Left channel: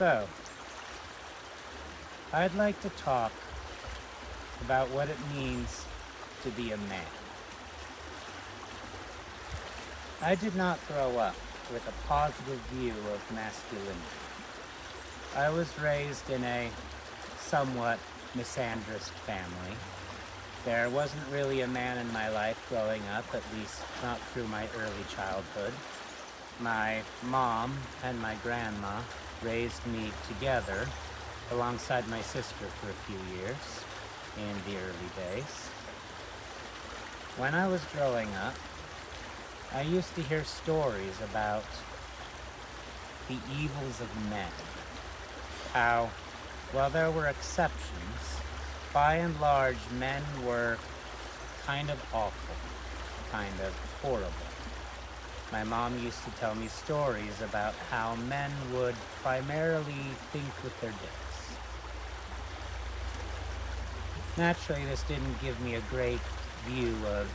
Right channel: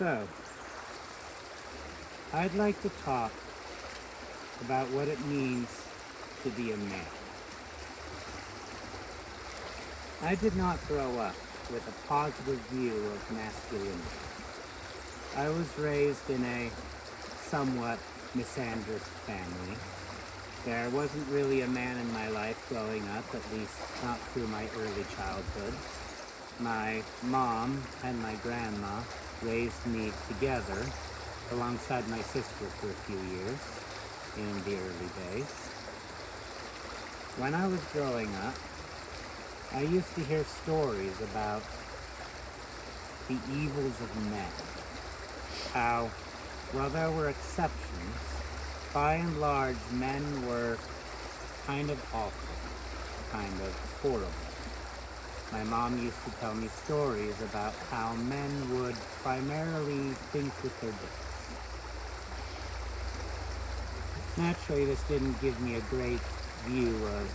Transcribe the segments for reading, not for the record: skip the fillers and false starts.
So, I'd like to talk about what it means to be a man. I did not grow up with a positive view of masculinity. I was raised in a somewhat misandrous family. There wasn't really a man in my life growing up, at least not through my early childhood. My mom and my grandma raised me together alongside my sister for a few years in the early days. When I was growing up, I used to hear stories about the evils of men. How, while there were exceptions, by and large, men were kind of awful, kind of horrible. My mom used to tell me stories about how men would primarily think with their dicks. Naturally, this didn't give me a great view of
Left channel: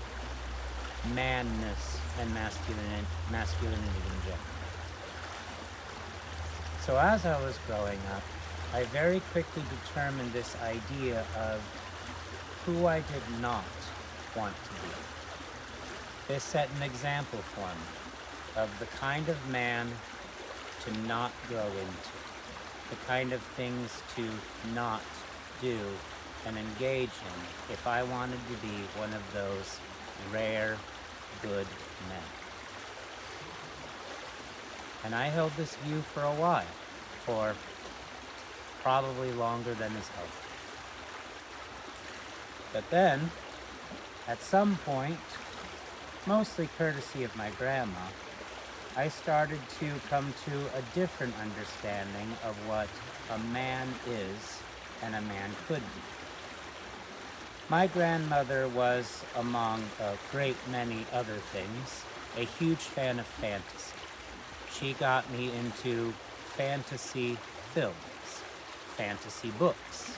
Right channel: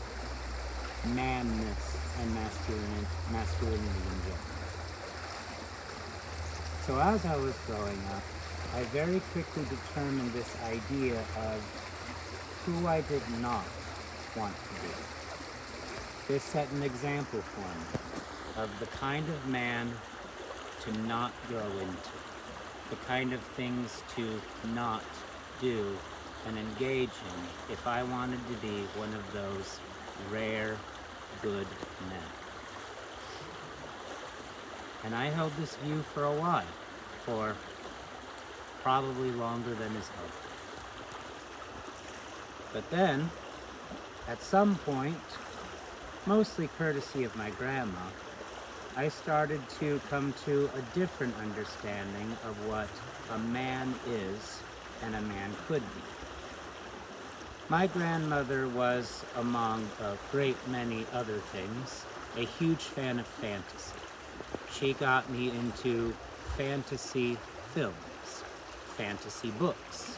manness and masculinity in general. So as I was growing up, I very quickly determined this idea of who I did not want to be. This set an example for me of the kind of man to not grow into, the kind of things to not do and engage in if I wanted to be one of those rare, good men. And I held this view for a while, for probably longer than is healthy. But then, at some point, mostly courtesy of my grandma, I started to come to a different understanding of what a man is and a man could be. My grandmother was, among a great many other things, a huge fan of fantasy. She got me into fantasy films, fantasy books.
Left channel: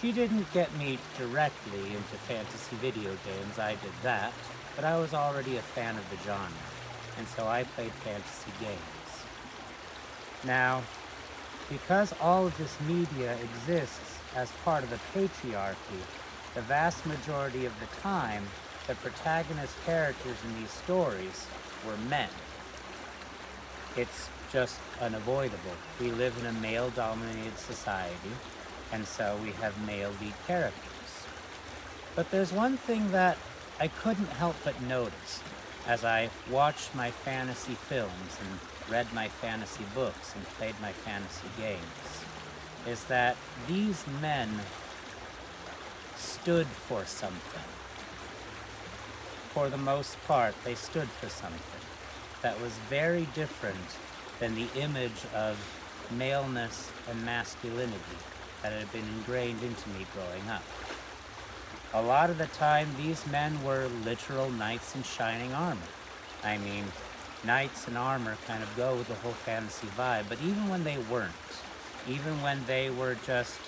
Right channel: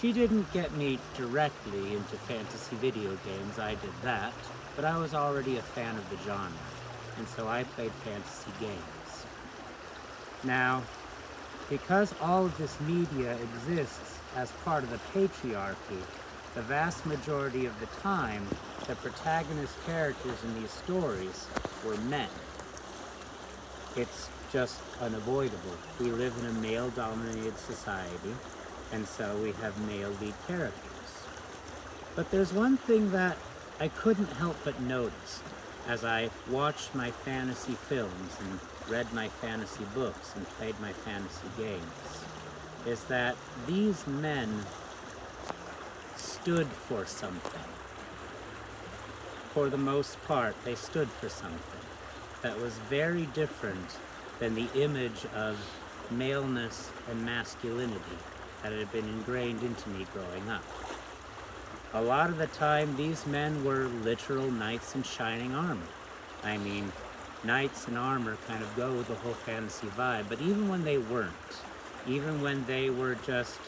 She didn't get me directly into fantasy video games, I did that, but I was already a fan of the genre, and so I played fantasy games. Now, because all of this media exists as part of the patriarchy, the vast majority of the time, the protagonist characters in these stories were men. It's just unavoidable. We live in a male-dominated society, and so we have male lead characters. But there's one thing that I couldn't help but notice as I watched my fantasy films and read my fantasy books and played my fantasy games, is that these men stood for something. For the most part, they stood for something that was very different than the image of maleness and masculinity that had been ingrained into me growing up. A lot of the time, these men were literal knights in shining armor. I mean, knights in armor kind of go with the whole fantasy vibe, but even when they weren't, even when they were just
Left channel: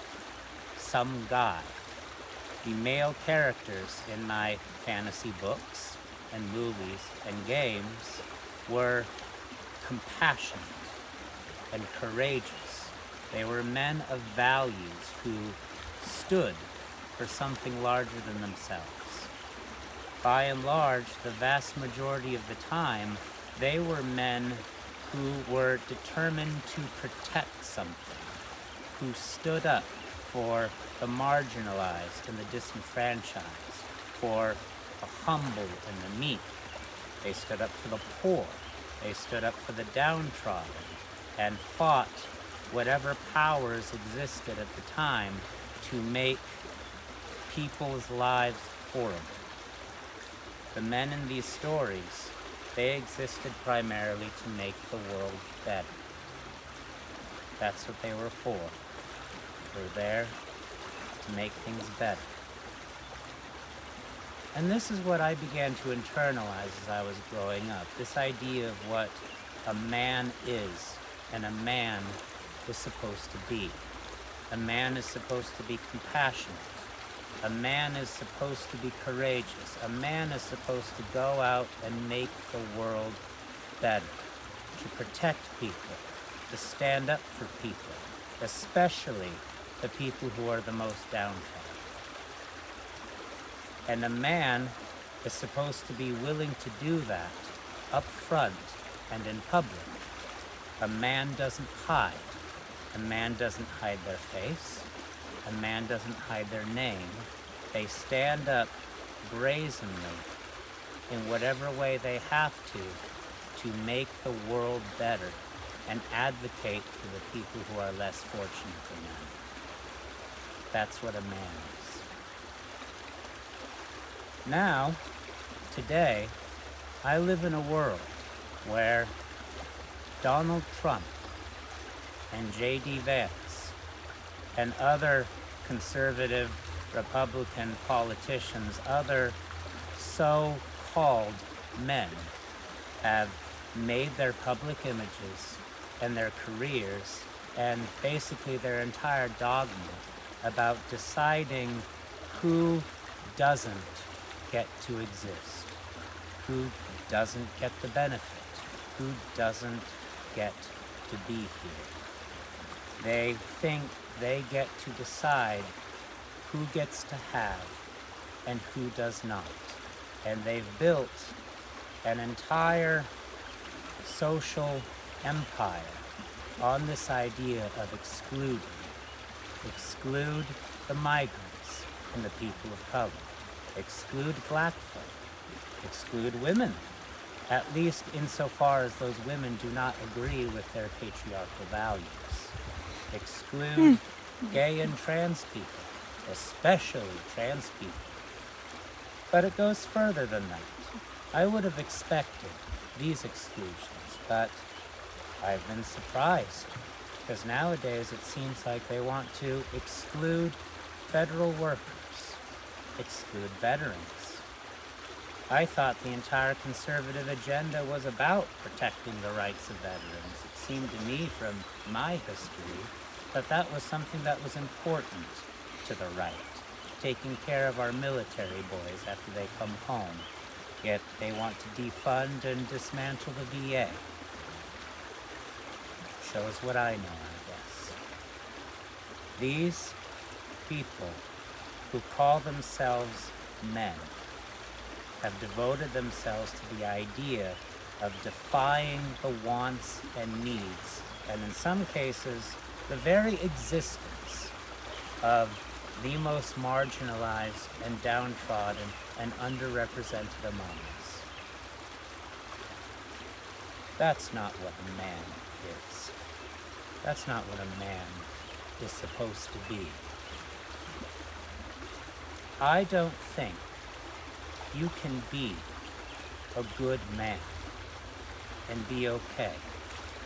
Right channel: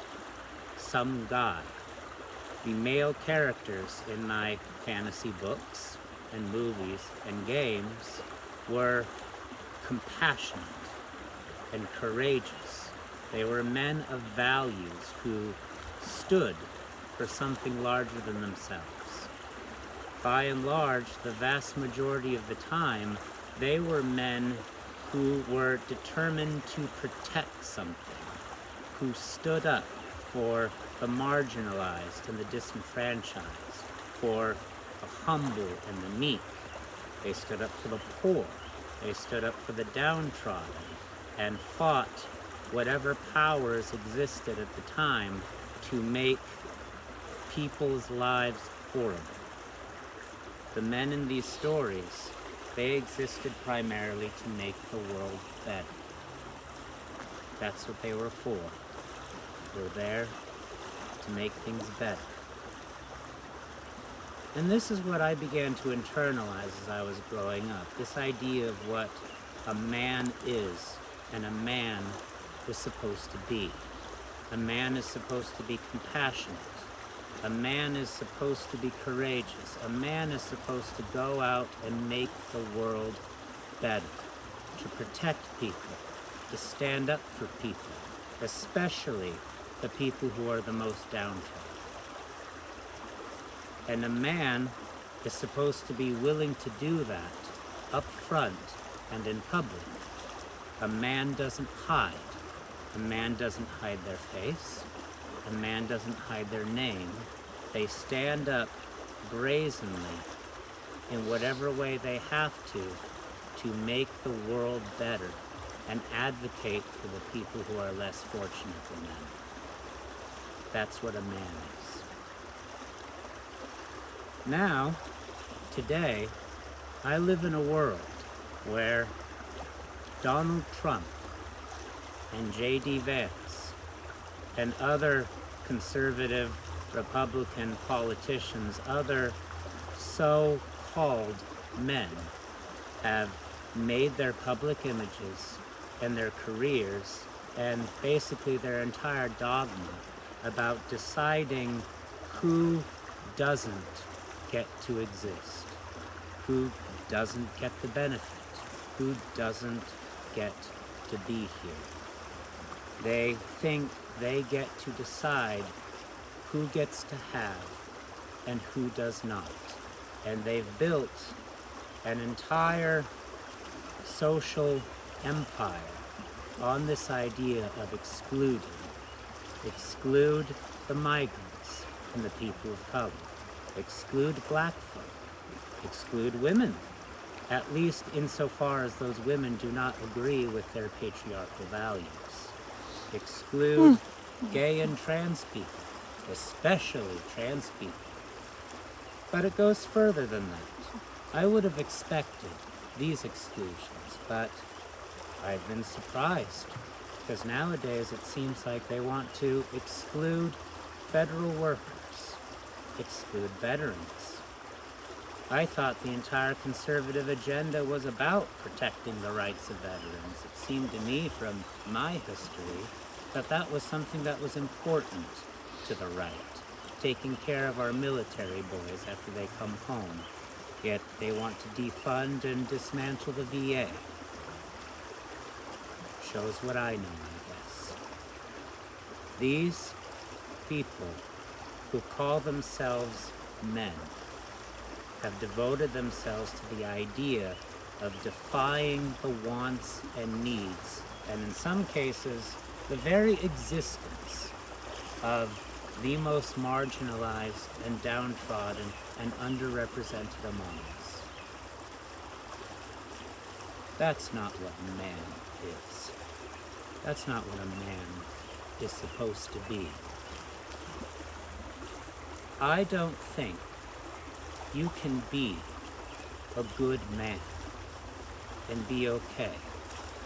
some guy, the male characters in my fantasy books and movies and games were compassionate and courageous. They were men of values who stood for something larger than themselves. By and large, the vast majority of the time, they were men who were determined to protect something, who stood up for the marginalized and the disenfranchised, for the humble and the meek. They stood up for the poor. They stood up for the downtrodden and fought whatever powers existed at the time to make people's lives horrible. The men in these stories, they existed primarily to make the world better. That's what they were for. They were there to make things better. And this is what I began to internalize as I was growing up. This idea of what a man is and a man is supposed to be. A man is supposed to be compassionate. A man is supposed to be courageous. A man is supposed to go out and make the world better, to protect people, to stand up for people, especially the people who are the most downtrodden. And a man is supposed to be willing to do that up front and in public. A man doesn't hide. A man doesn't hide their face. A man doesn't hide their name. They stand up brazenly in whatever way they have to make the world better and advocate for the people who are less fortunate than them. That's what a man is. Now, today, I live in a world where Donald Trump and J.D. Vance and other conservative Republican politicians, other so-called men, have made their public images and their careers and basically their entire dogma about deciding who doesn't get to exist, who doesn't get the benefit, who doesn't get to be here. They think they get to decide who gets to have and who does not. And they've built an entire social empire on this idea of excluding. Exclude the migrants and the people of color. Exclude black folk. Exclude women, at least insofar as those women do not agree with their patriarchal values. Exclude gay and trans people, especially trans people. But it goes further than that. I would have expected these exclusions, but I've been surprised, because nowadays it seems like they want to exclude federal workers, exclude veterans. I thought the entire conservative agenda was about protecting the rights of veterans. It seemed to me from my history that that was something that was important to the right, taking care of our military boys after they come home. Yet they want to defund and dismantle the VA. Shows what I know, I guess. These people who call themselves men have devoted themselves to the idea of defying the wants and needs, and in some cases, the very existence of the most marginalized and downtrodden and underrepresented among us. That's not what a man is. That's not what a man is supposed to be. I don't think you can be a good man and be okay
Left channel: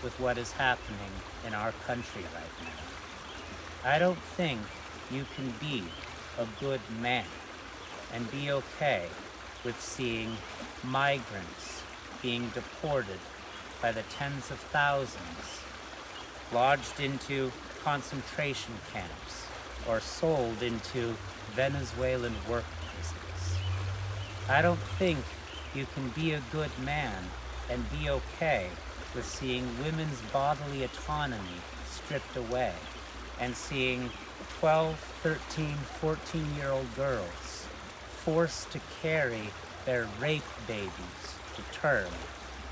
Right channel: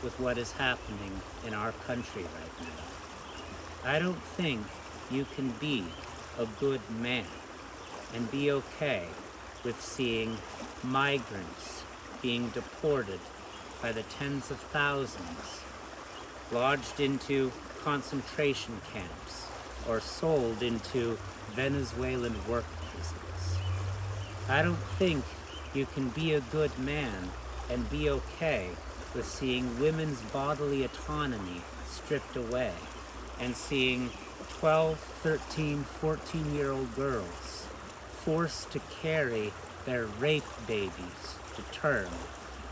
with what is happening in our country right now. I don't think you can be a good man and be okay with seeing migrants being deported by the tens of thousands, lodged into concentration camps, or sold into Venezuelan work prisons. I don't think you can be a good man and be okay with seeing women's bodily autonomy stripped away and seeing 12, 13, 14-year-old girls forced to carry their rape babies to term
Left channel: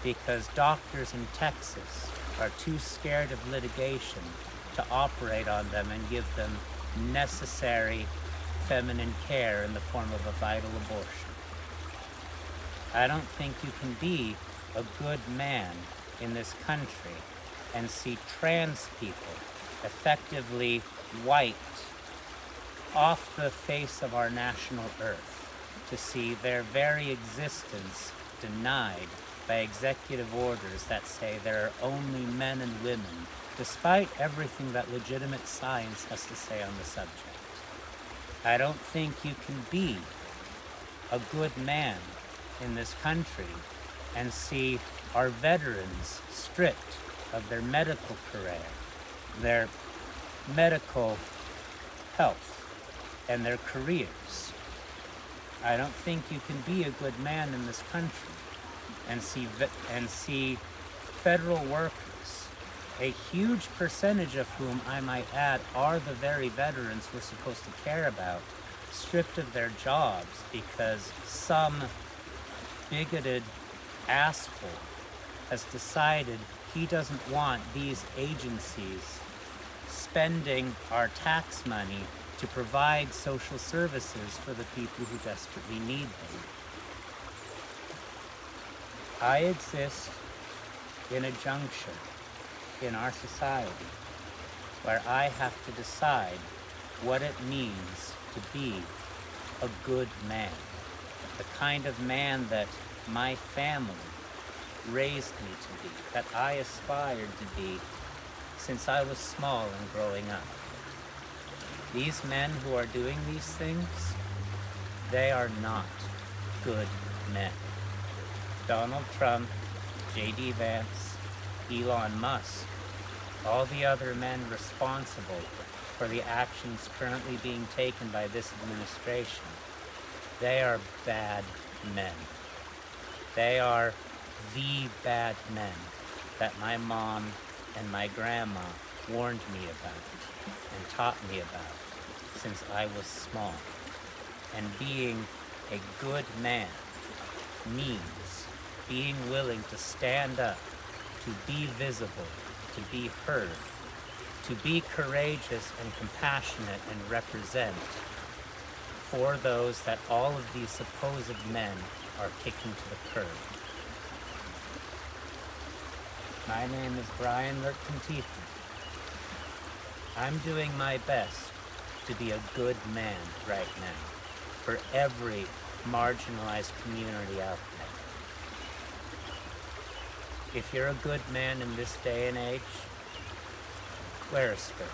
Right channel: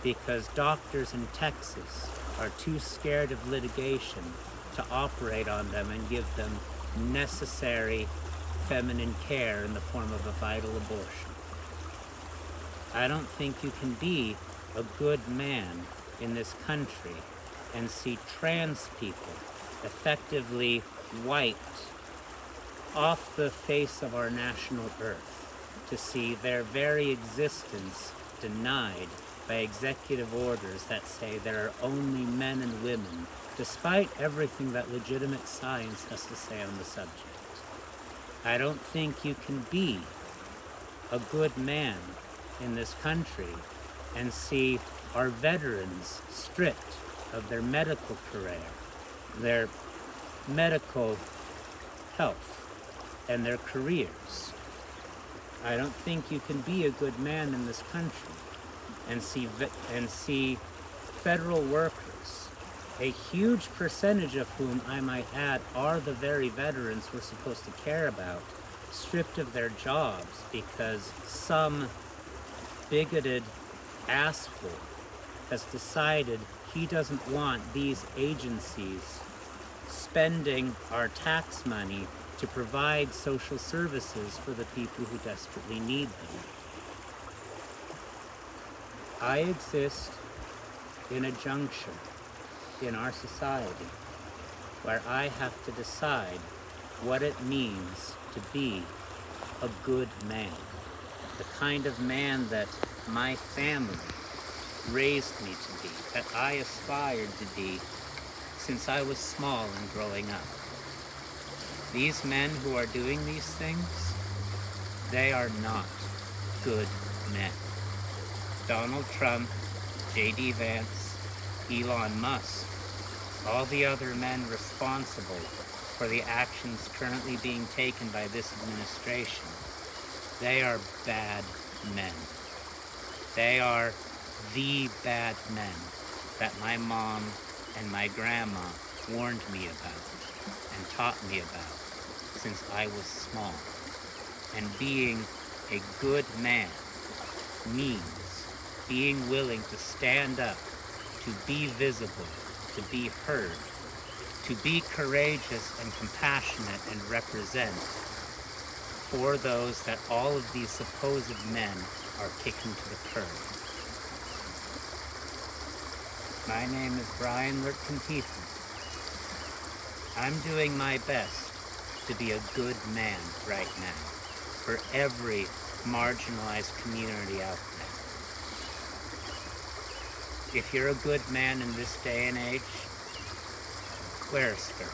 because doctors in Texas are too scared of litigation to operate on them and give them necessary feminine care in the form of a vital abortion. I don't think you can be a good man in this country and see trans people effectively wiped off the face of our national earth, to see their very existence denied by executive orders that say there are only men and women, despite everything that legitimate science has to say on the subject. I don't think you can be a good man in this country and see our veterans stripped of their medical career, their medical health, and their careers. I don't think you can be a good man in this country and see federal workers a huge percentage of whom, I might add, are the very veterans we're supposed to care about, stripped of their jobs because some bigoted asshole has decided he doesn't want these agencies spending our tax money to provide social services for the people who desperately need them. I exist in a juncture in our society where I have to decide what it means to be a good man, the kind of man that my family raised me to be, that I aspired to be since I was small and growing up. These men who are doing these things, they are not good men. Donald Trump, J.D. Vance, Elon Musk, all the other men responsible for the actions currently being taken by this administration, they are bad men. They are the bad men that my mom and my grandma warned me about and taught me about since I was small. And being a good man means being willing to stand up, to be visible, to be heard, to be courageous and compassionate and represent for those that all of these supposed men are kicking to the curb. My name is Brian Lurtkin-Tiefel. I'm doing my best to be a good man right now for every marginalized community out there. If you're a good man in this day and age, wear a skirt.